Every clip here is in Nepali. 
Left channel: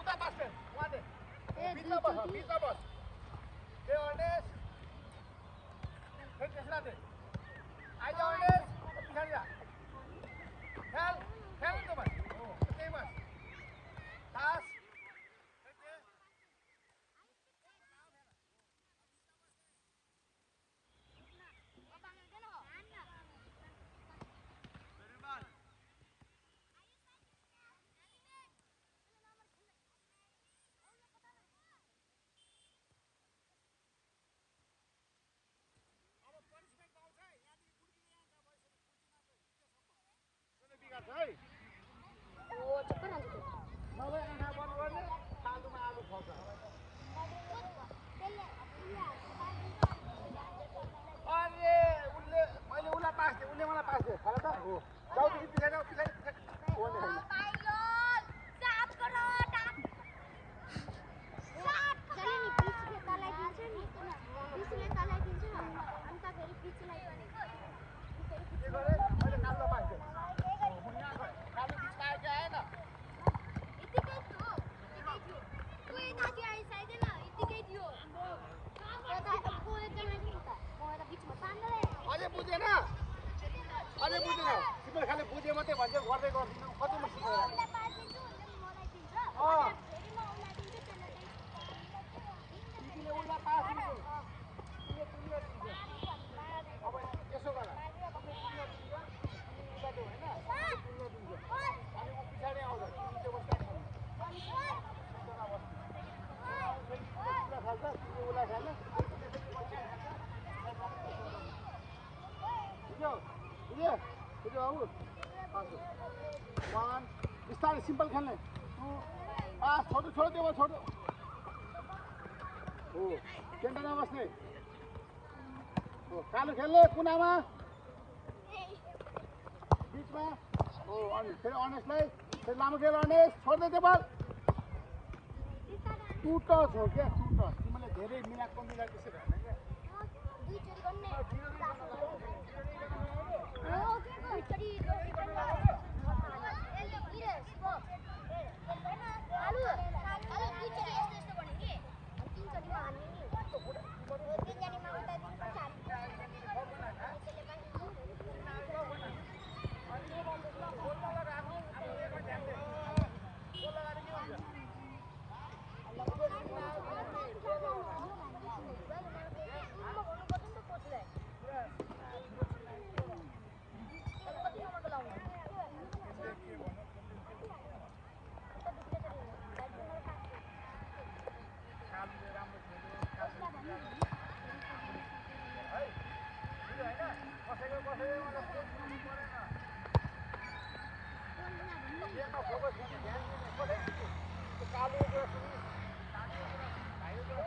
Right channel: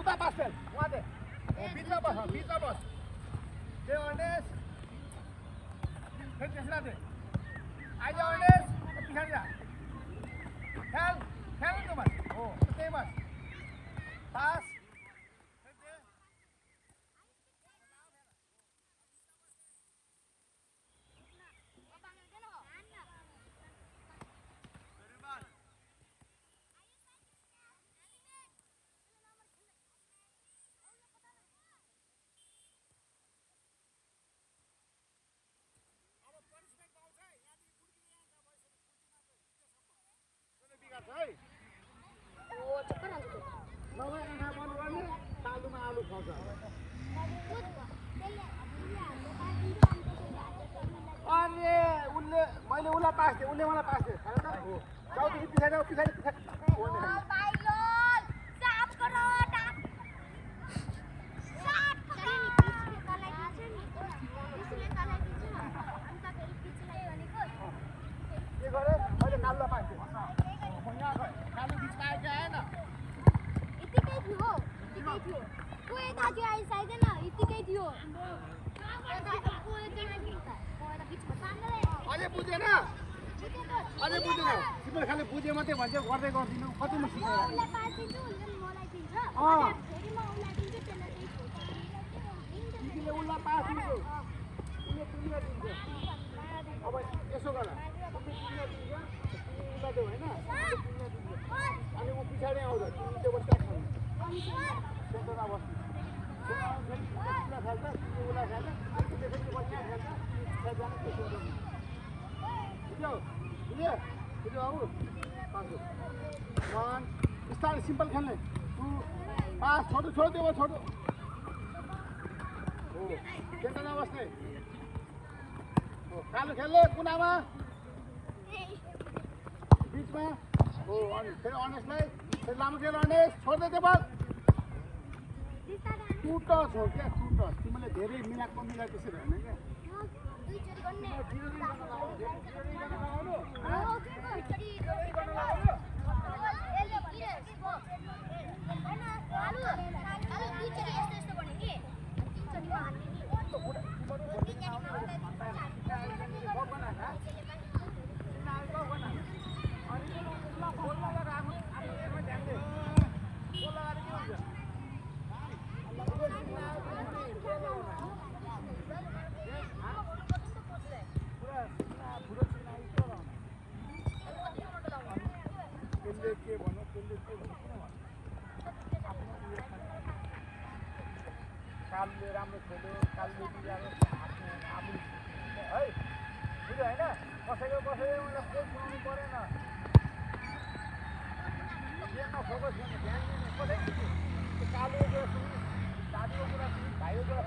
उता पास फेल वहाँ दे बीच में बस दे अर्नेस फिर किसना दे आइए अर्नेस खेल जा खेल खेल तो मत हो ते मत पास आलु खर्च अरे उसले मैले उसलाई पास दिएँ उसले मलाई पास दिएँ थाहा त जाऊ त पछाडि जाऊ पछाडि के गरे मैले कालुलाई पास दिएँ तिमीले खालि बुझे मात्रै भन्छ गर्दै गर्दिनौ कति मुस्किल उसलाई पास दिन्छु उसले मलाई दिन्छ फेरि म उसलाई दिन्छु त्यसले चाहिँ तिमीले उसलाई पास दिन्छौ उसले तिमीलाई दिन्छ अब यसो गर उसले तिमीलाई दिन्छ तिमी उसलाई देऊ हैन उसले तिमीलाई दिन्छ अनि उ पछाडि आउँछ तिमी त्यो बस्दा खानु सेन्टरमा बस्नु उसलाई खाल्छ तिमी उसलाई खाल्छ उसले पनि बस्या खेल्छ त्यहाँ जानु त्यो सेन्टरमा बुझ्यौ बुझ्यो बुझ्यो आऊ पास वन स्टार्ट सिंपल खेलने टू पास छोटो छोड़ दे वो छोटो ओ सेन्टरमा बस्ने ओ कालो खेल्ने कुनामा बीचमा ओ अनि फेरि अनेसलाई फेरि लामो खेल अनेस छोड्दै दे बल टुटस हो क्या टुटस तिमीले धेरै मिलाएको त्यसरी होइन कालले राम्रो खेल्यो कालले बिगारो आफ्नो आफूले है बुझ्यो होइन कसैको मलाई केही सुनाउनु परेन दाजुको कुरा भाइको कुरा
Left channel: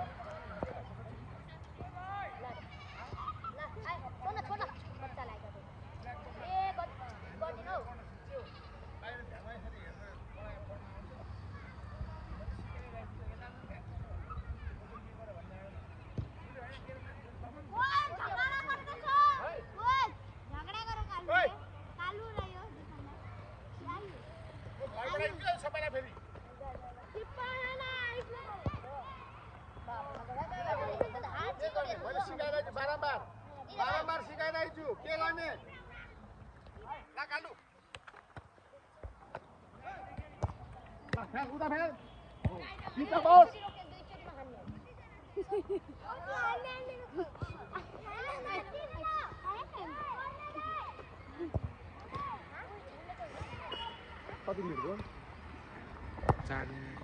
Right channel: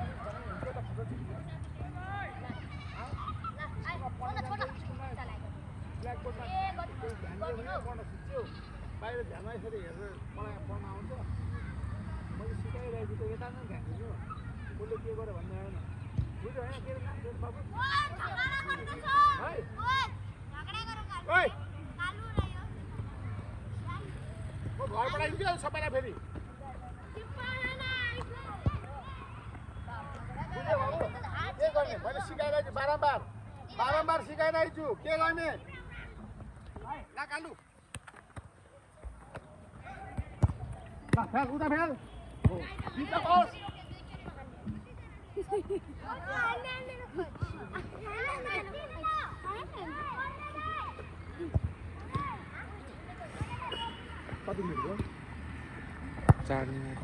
बाहिर ध्यानमा यसरी हेरेर मलाई पढ्न आउँछ मैले सिकाइरहेको छु यता नै ध्यान उसले के गर्यो भन्ने आएन बुझ्यो होइन म घर पठाइदिन्छु सबैलाई फेरि के गर्ने मैले सिकाइरहेको छु बारम्बार सिकाइरहेको छु के गर्ने फेल उता फेल बिचमा बस कति मिनट भयो 4 मिनट